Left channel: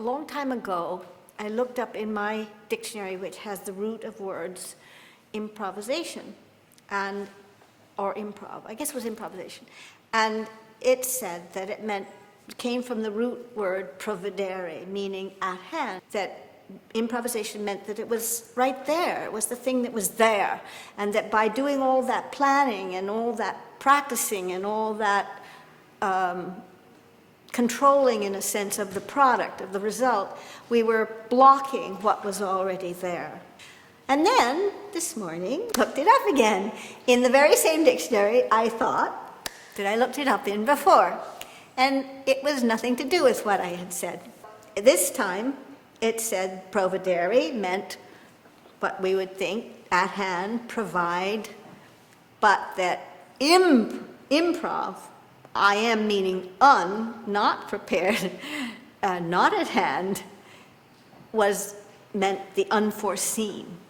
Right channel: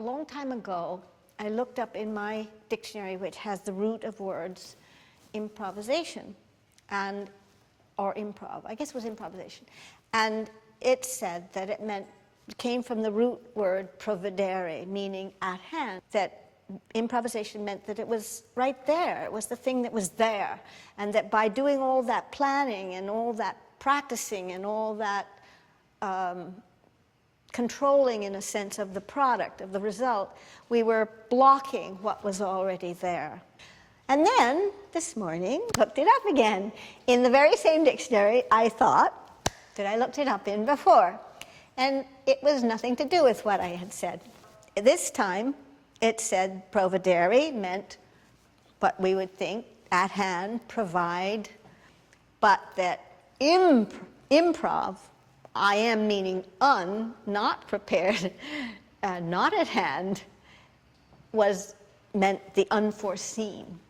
A long time ago, I looked up in my dictionary, which has the root of words, improvisation, or improv, I guess it was improvisation. And it said that it came from the root word providere, meaning at hand, that improvisation meant that it was right there, it was the thing that was there, and that by doing all that planning and all that practicing and all that controlling, in a sense, of the product, of the result, we were blocking what was already there. And then, this morning, looked it up again. In the very same dictionary, I thought that I looked it up in before. And it was nothing to do with what I had said. This time, it said providere meant what we would think, at hand, provide, but that improv, I am meaning not prepared, not at hand, meant the unforeseen.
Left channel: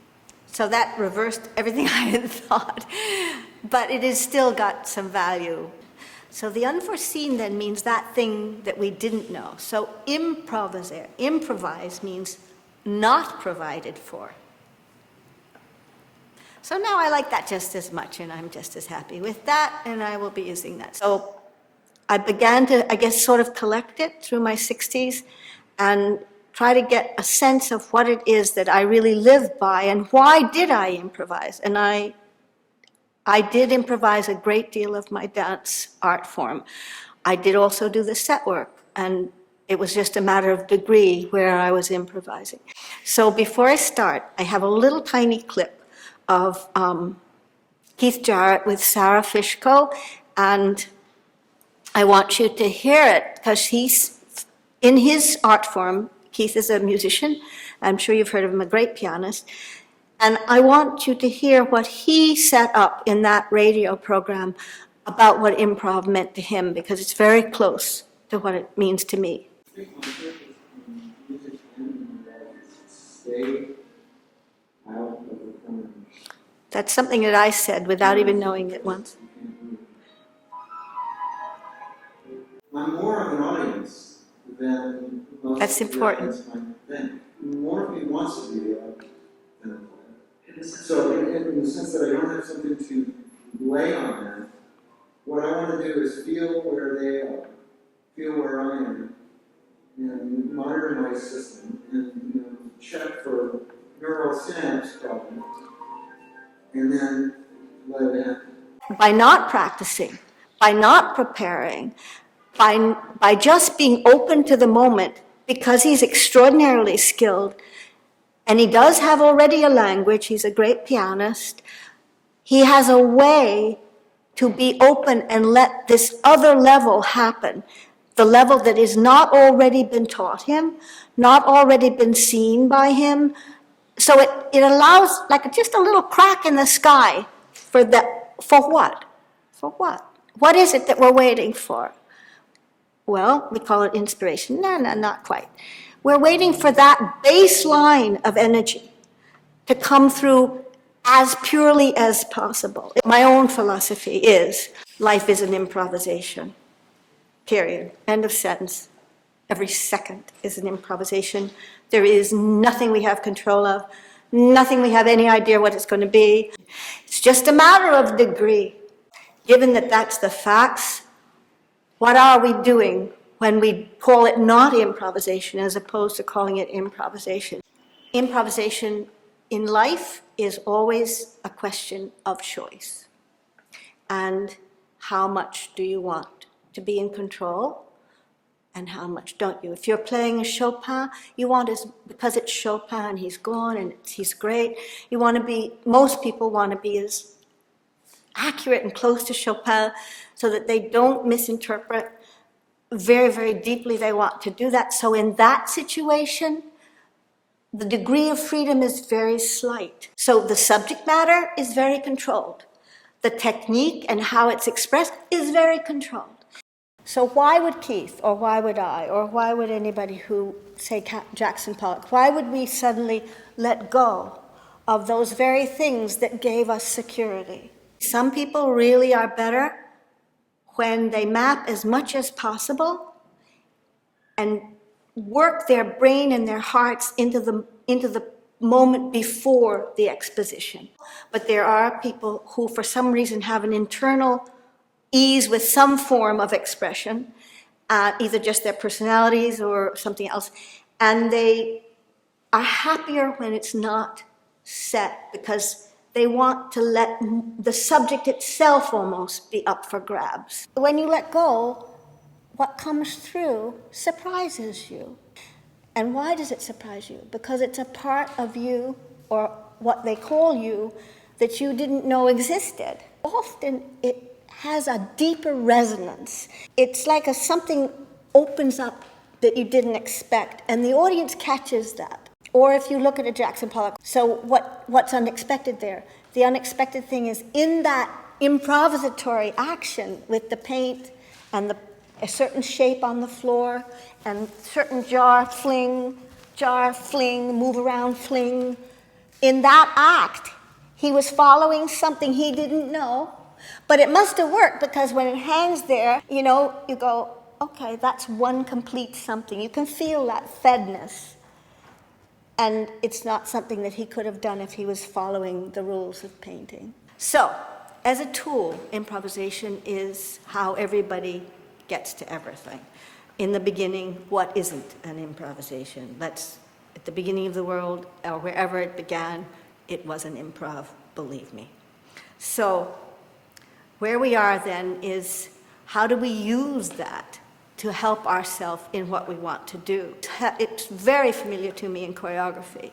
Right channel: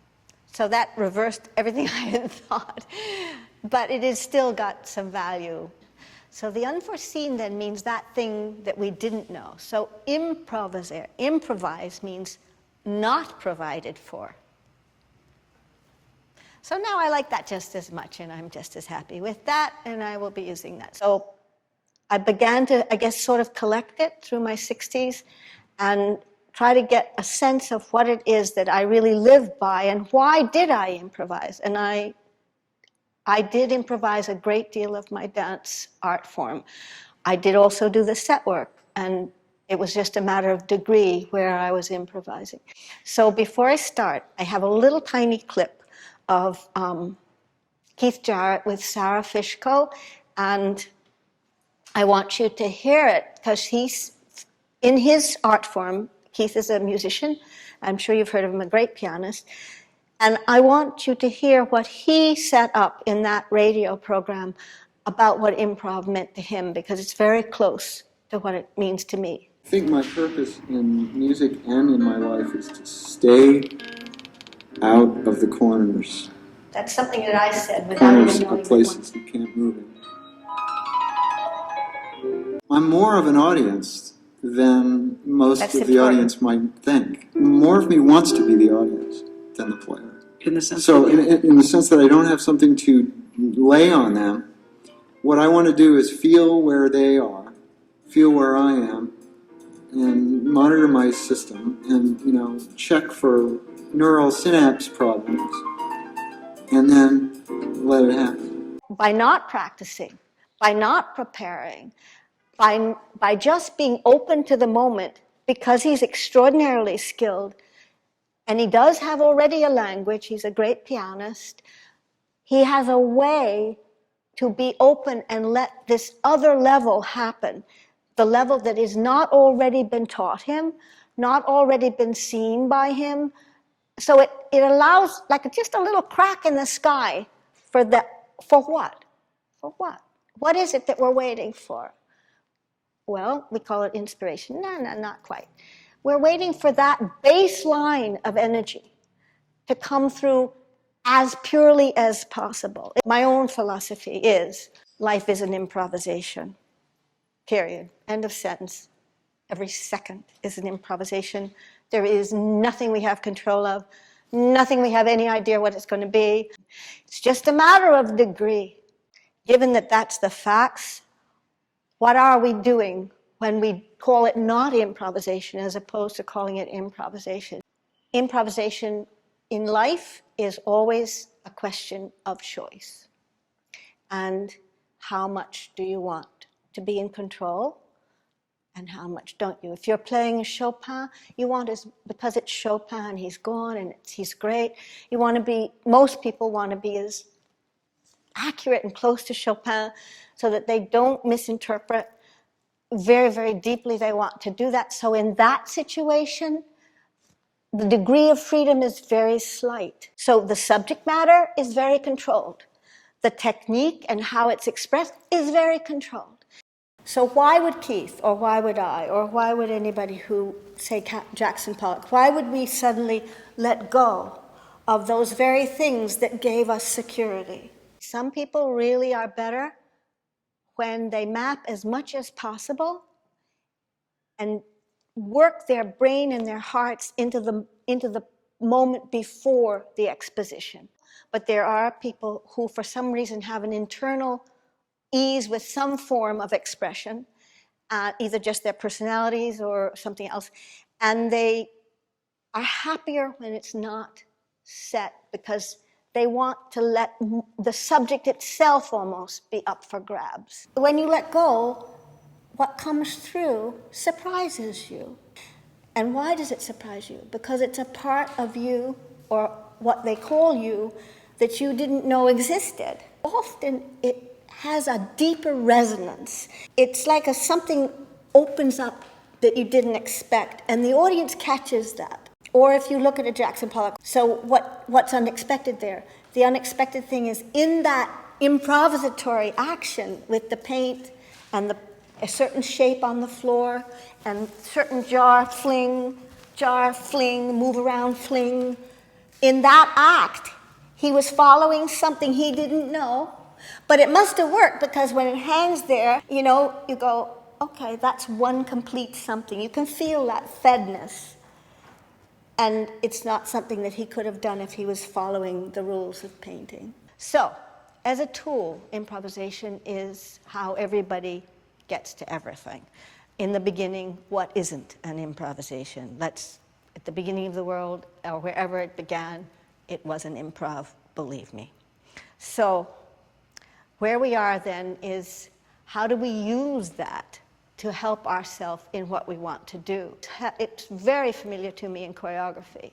So that reversed everything I had thought, but it has still got some value. So the unforeseen then means that thing that we didn't know. So improvise means not provided for. So now I like that just as much, and I'm just as happy with that, and I will be using that. So I began to, I guess, sort of collect it through my 60s and try to get a sense of what it is that I really live by and why did I improvise. And I did improvise a great deal of my dance art form. I did also do the set work, and it was just a matter of degree where I was improvising. So before I start, I have a little tiny clip of Keith Jarrett with Sarah Fishko, and I want you to hear it because he's, in his art form, Keith is a musician. I'm sure you've heard of him, a great pianist. And I want you to hear what he set up in that radio program about what improv meant to him, because it's very close to what it means to me. I think my purpose in music and in my life is to stay out of the corners. That's something that I said without even knowing it once. Places you can't move in. I'm more of an audience than most of the audience might think. More of me wants to be the audience than the player. In the sense in the sense that I don't have something to lay on them, what I want to do is feel where they are, feel where I am, and monitor my system, and check for neural synapse problems, and then let it happen. By not practicing, by not preparing, by just being open to the moment, because he's extraordinarily skilled, and he does have already a language, he's a great pianist, he has a way to be open and let this other level happen, the level that has not already been taught him, not already been seen by him. So it allows like just a little crack in the sky for what? For what? What is it that we're waiting for? Well, we call it inspiration. No, not quite. We're waiting for that baseline of energy to come through as purely as possible. My own philosophy is life is an improvisation, period. End of sentence. Every second is an improvisation. There is nothing we have control of, nothing we have any idea what it's going to be. It's just a matter of degree. Given that that's the facts, what are we doing when we call it not improvisation as opposed to calling it improvisation? Improvisation in life is always a question of choice. And how much do you want to be in control and how much don't you? If you're playing a Chopin, you want because it's Chopin, he's gone and he's great, most people want to be as accurate and close to Chopin so that they don't misinterpret. Very, very deeply they want to do that. So in that situation, the degree of freedom is very slight. So the subject matter is very controlled. The technique and how it's expressed is very controlled. So why would Keith, or why would I, or why would anybody who, say, Jackson Pollock, why would we suddenly let go of those very things that gave us security? Some people really are better when they map as much as possible and work their brain and their hearts into the moment before the exposition. But there are people who, for some reason, have an internal ease with some form of expression, either just their personalities or something else, and they are happier when it's not set because they want to let the subject itself almost be up for grabs. When you let go, what comes through surprises you. And why does it surprise you? Because it's a part of you, or what they call you, that you didn't know existed. Often it has a deeper resonance. It's like something opens up that you didn't expect, and the audience catches that. Or if you look at a Jackson Pollock, so what's unexpected there? The unexpected thing is in that improvisatory action with the paint and a certain shape on the floor and certain jar fling, move around fling. In that act, he was following something he didn't know, but it must have worked because when it hangs there, you go, okay, that's one complete something. You can feel that fedness. And it's not something that he could have done if he was following the rules of painting. So, as a tool, improvisation is how everybody gets to everything. In the beginning, what isn't an improvisation? That's at the beginning of the world, or wherever it began, it was an improv, believe me. So, where we are then is, how do we use that to help ourselves in what we want to do? It's very familiar to me in choreography,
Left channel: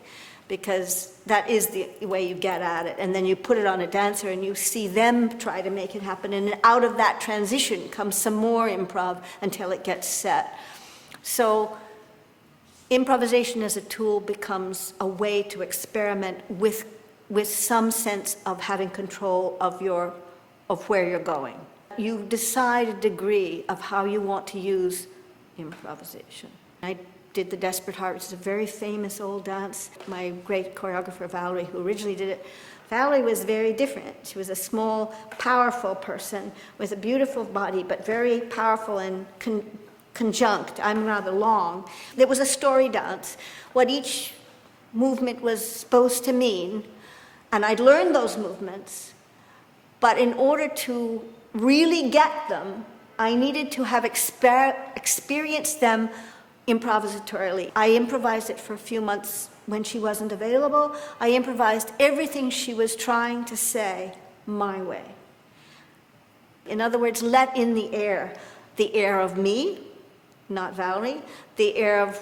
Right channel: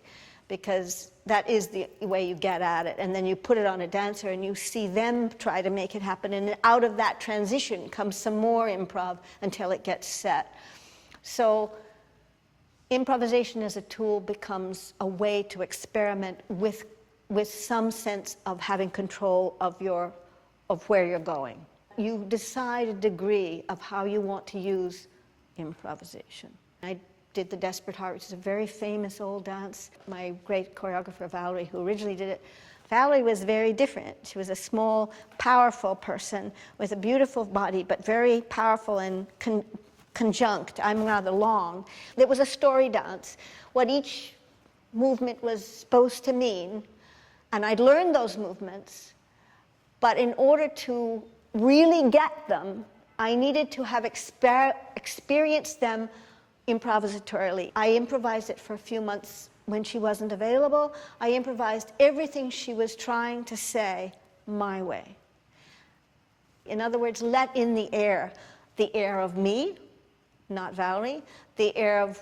because that is the way you get at it. And then you put it on a dancer and you see them try to make it happen. And out of that transition comes some more improv until it gets set. So improvisation as a tool becomes a way to experiment with some sense of having control of where you're going. You decide a degree of how you want to use improvisation. I did The Desperate Heart, which is a very famous old dance. My great choreographer, Valerie, who originally did it, Valerie was very different. She was a small, powerful person with a beautiful body, but very powerful and conjunct. I'm rather long. It was a story dance, what each movement was supposed to mean, and I'd learned those movements, but in order to really get them, I needed to have experienced them improvisatorily. I improvised it for a few months when she wasn't available. I improvised everything she was trying to say my way. In other words, let in the air of me, not Valerie, the air of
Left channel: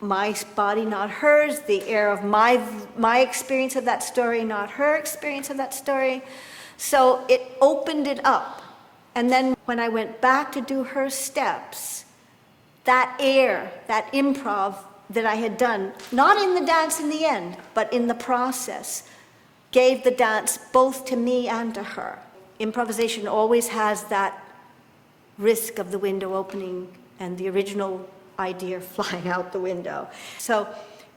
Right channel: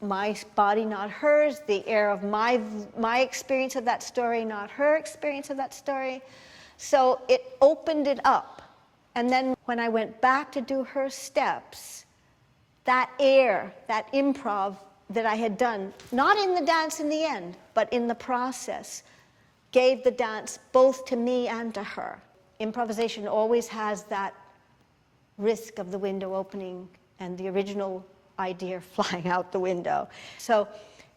my body, not hers, the air of my experience of that story, not her experience of that story. So it opened it up. And then when I went back to do her steps, that air, that improv that I had done, not in the dance in the end, but in the process, gave the dance both to me and to her. Improvisation always has that risk of the window opening and the original idea flying out the window. So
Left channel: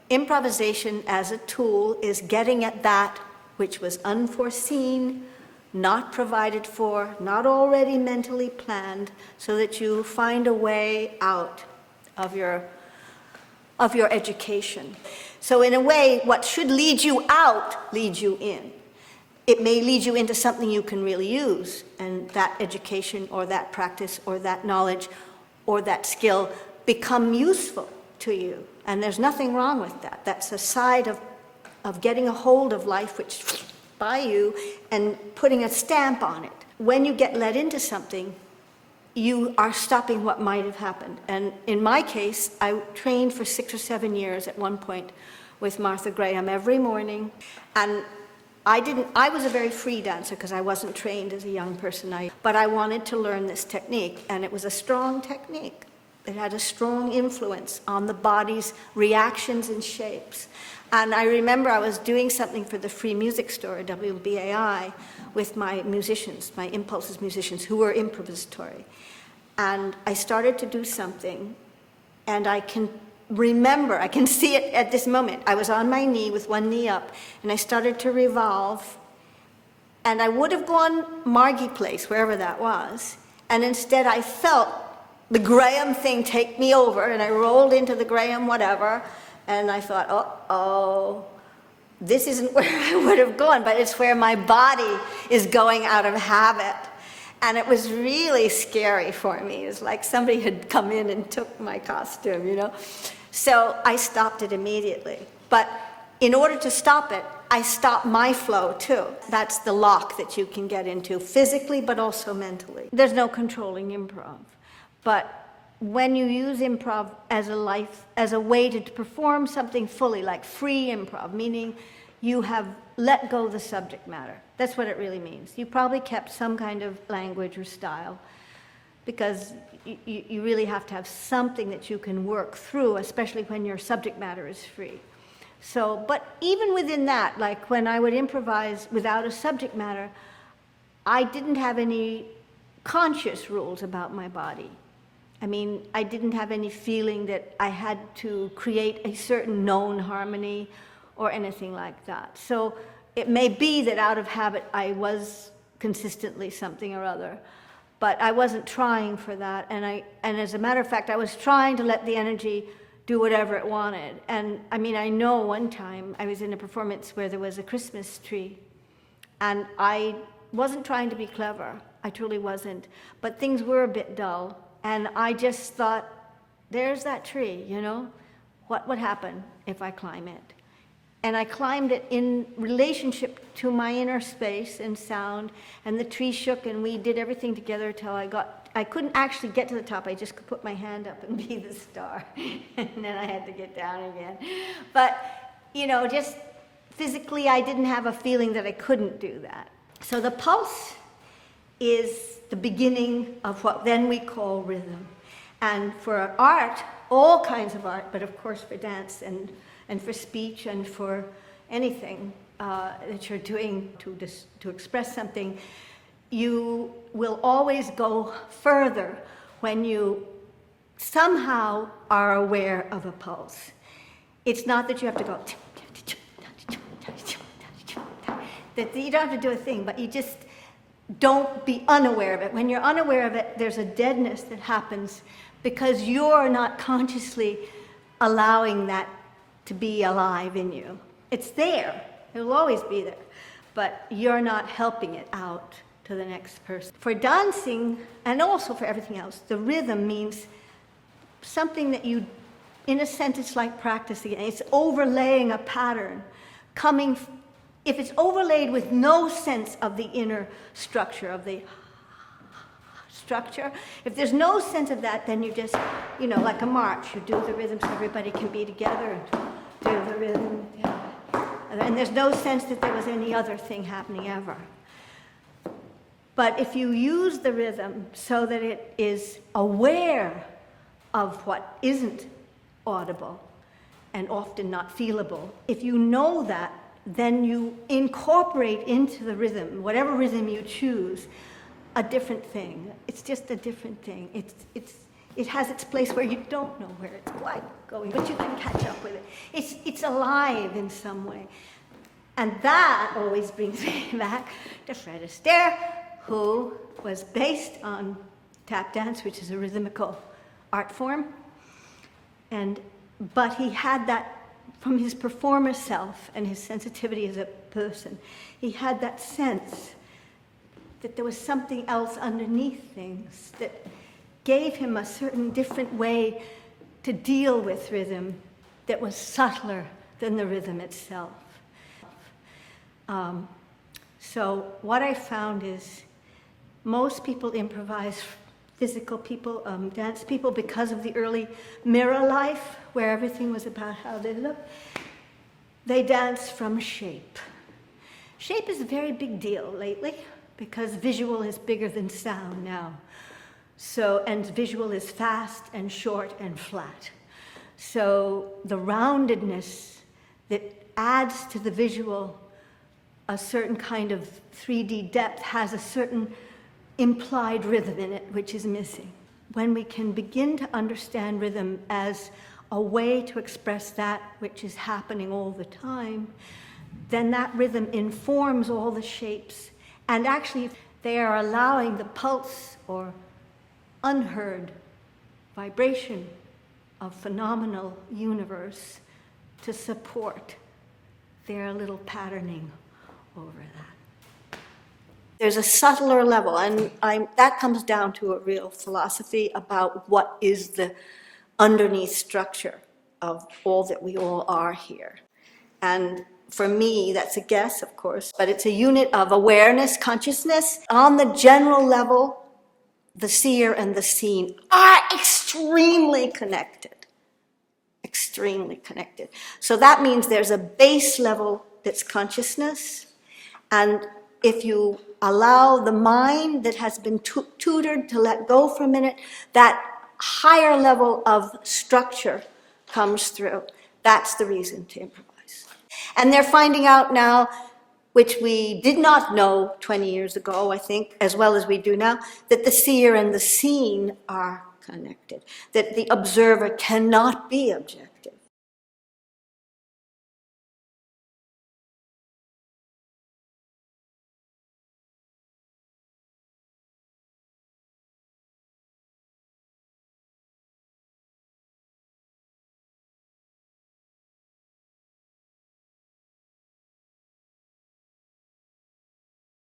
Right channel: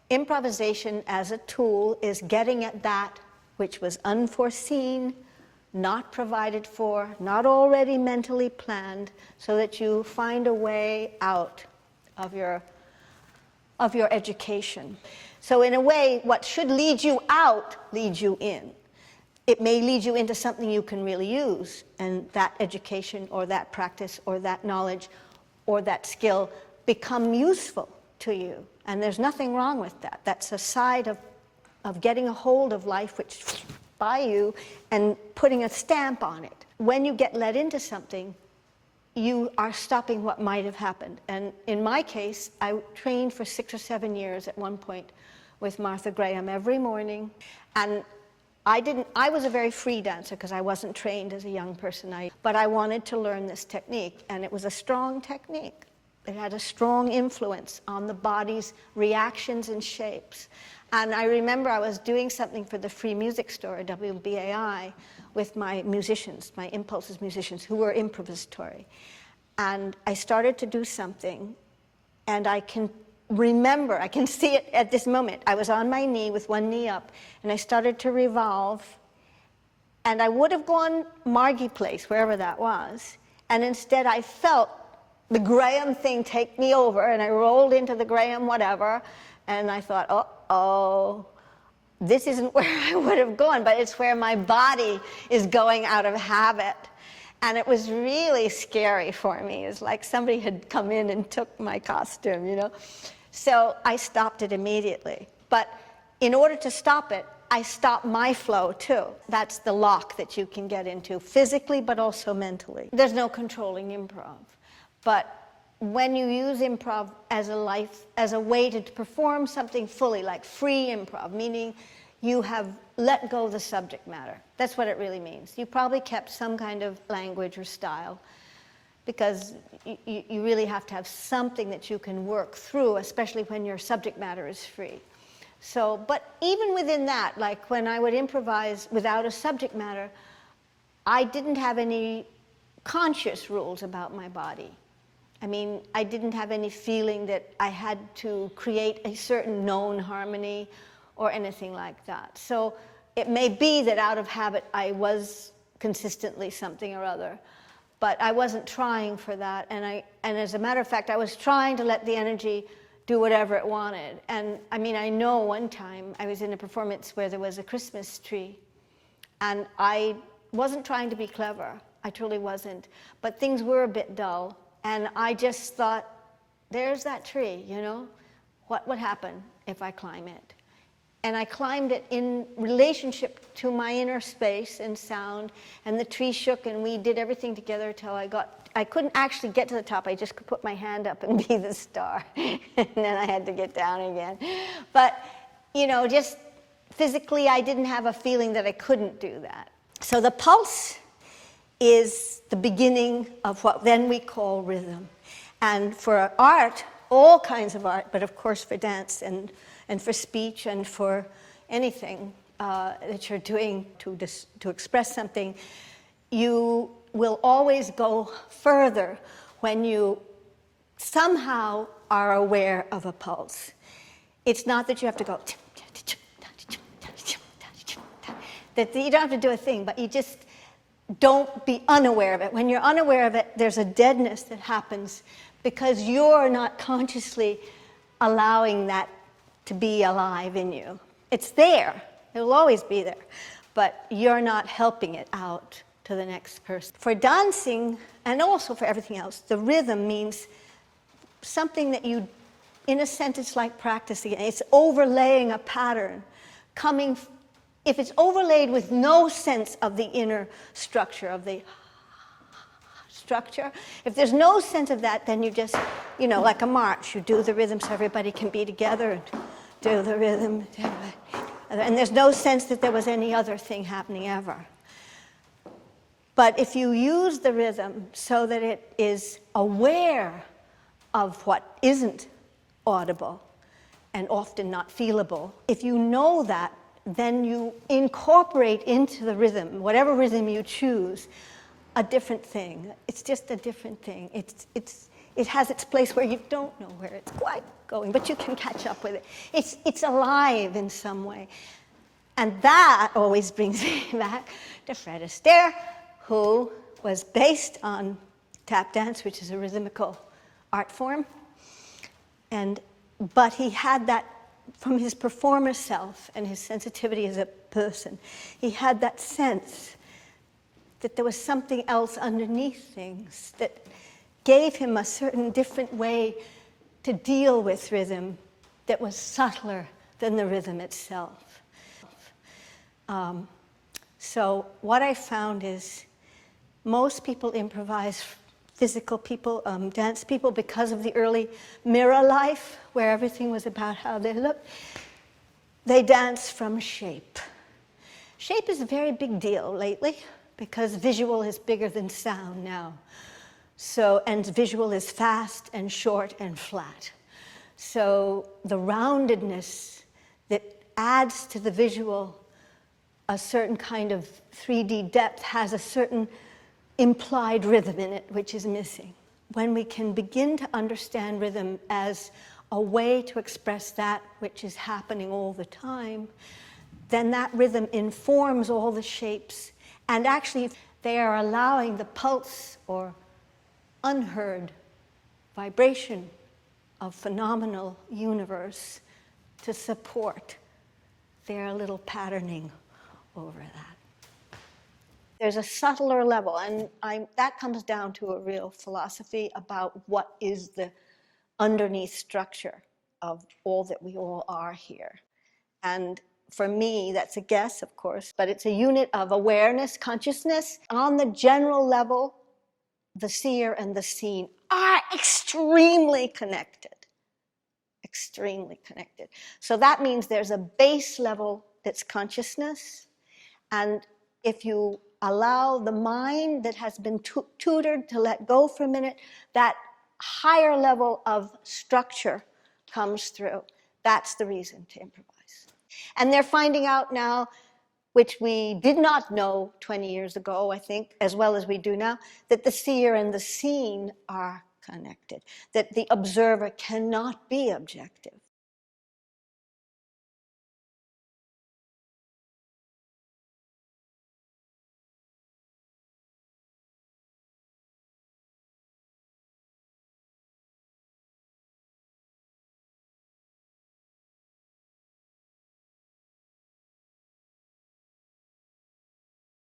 improvisation as a tool is getting at that which was unforeseen, not provided for, not already mentally planned, so that you find a way out of your education. So in a way, what should lead you out leads you in. It may lead you into something you can really use, and that education or that practice or that knowledge or that skill become useful to you. And there's nothing wrong with that. That's a side of getting a hold of life which by you and putting a stamp on it. When you get let into something, you are stopping what might have happened. And in my case, I trained for 6 or 7 years at one point with Martha Graham every morning. And I was a very free dancer because I wasn't trained as a young person, but I wanted to learn this technique, and it was a strong technique. It had a strong influence on the body's reactions and shapes. And I remember I was doing something for the Free Music Store, WBAI, with my musicians, my Impulses musicians, who were improvisatory. And I started to do something, and I can remember, I can see it at this moment. I was on my knee with one knee up, and I started to revolve, and I would have gone Margie Place, wherever that was, and instead I felt the Graham thing take me over, and I rolled into the Graham whatever, and I thought, oh, this isn't where I would have gone, but it's where my body is going out of habit. And it was really scary for me. It's like somebody had come in and took my costume, you know? So I stopped it immediately. But in order to stop it, I stopped my flow too. That's the lock that you can get into physically, but also mentally. There's no controlling improv. But when you use improv as a way to perform something fully, like free improv, meaning you have let go of the subject matter. That's what it really means. You probably kept some kind of language or style, because you really have to have something that you can work through, especially when your subject matter is free. So, but even within that, like when I would improvise without a subject matter, I didn't have any conscious rules about my body. I mean, I didn't have any feeling that I had to create a certain known harmony or anything like that. So it may be that out of habit I was consistently something or other, but I wasn't trying for that. And as a matter of fact, I was trying to let the energy do whatever it wanted. And I mean, I know one time I was in a performance where there was a Christmas tree, and I wasn't trying to be clever. I truly wasn't. But things were a bit dull. And I just thought, there's that tree, you know? What would happen if I climb it? And I climbed it in relationship to my inner space and sound, and the tree shook, and we did everything together till I couldn't actually get to the top. I just could put my hand up and be the star. And then I had to get down again. But, you know, just physically, I didn't have a feeling that I couldn't do that. So the pulse is the beginning of what then we call rhythm. And for art, all kinds of art, but of course for dance and for speech and for anything that you're doing to express something, you will always go further when you somehow are aware of a pulse. It's not that you have to go, that you don't have to do a thing, but you just don't be unaware of it. When you're unaware of it, there's a deadness that happens because you're not consciously allowing that to be alive in you. It's there. It'll always be there. But you're not helping it out to the next person. For dancing, and also for everything else, the rhythm means something that you, in a sense, it's like practicing. It's overlaying a pattern, coming. If it's overlaid with no sense of the inner structure, of the structure, if there's no sense of that, then you just, you know, like a march, you do the rhythm so everybody can be together and do the rhythm. And there's no sense that there was any other thing happening ever. But if you use the rhythm so that it is aware of what isn't audible and often not feelable, if you know that, then you incorporate into the rhythm, whatever rhythm you choose, a different thing. It's just a different thing. It has its place where you don't know where it's quite going, but you can catch up with it. It's alive in some way. And that always brings me back to Fred Astaire, who was based on tap dance, which is a rhythmical art form. But he had that from his performer self and his sensitivity as a person. He had that sense that there was something else underneath things that gave him a certain different way to deal with rhythm that was subtler than the rhythm itself. So what I found is most people improvise, physical people, dance people, because of the early mirror life, where everything was about how they looked. They dance from shape. Shape is a very big deal lately, because visual is bigger than sound now. So, and visual is fast and short and flat. So the roundedness that adds to the visual a certain kind of 3D depth has a certain implied rhythm in it, which is missing. When we can begin to understand rhythm as a way to express that which is happening all the time, then that rhythm informs all the shapes. And actually, they are allowing the pulse or unheard vibration of phenomenal universe to support their little patterning over that. There's a subtler level, and that comes down to a real philosophy about what is the underneath structure of all that we all are here. And for me, that's a guess, of course, but it's a unit of awareness, consciousness. On the general level, the seer and the seen are extremely connected. Extremely connected. So that means there's a base level that's consciousness, and if you allow the mind that has been tutored to let go for a minute, that higher level of structure comes through. That's the reason to improvise. And they're finding out now, which we did not know 20 years ago, I think, as well as we do now, that the seer and the seen are connected, that the observer cannot be objective.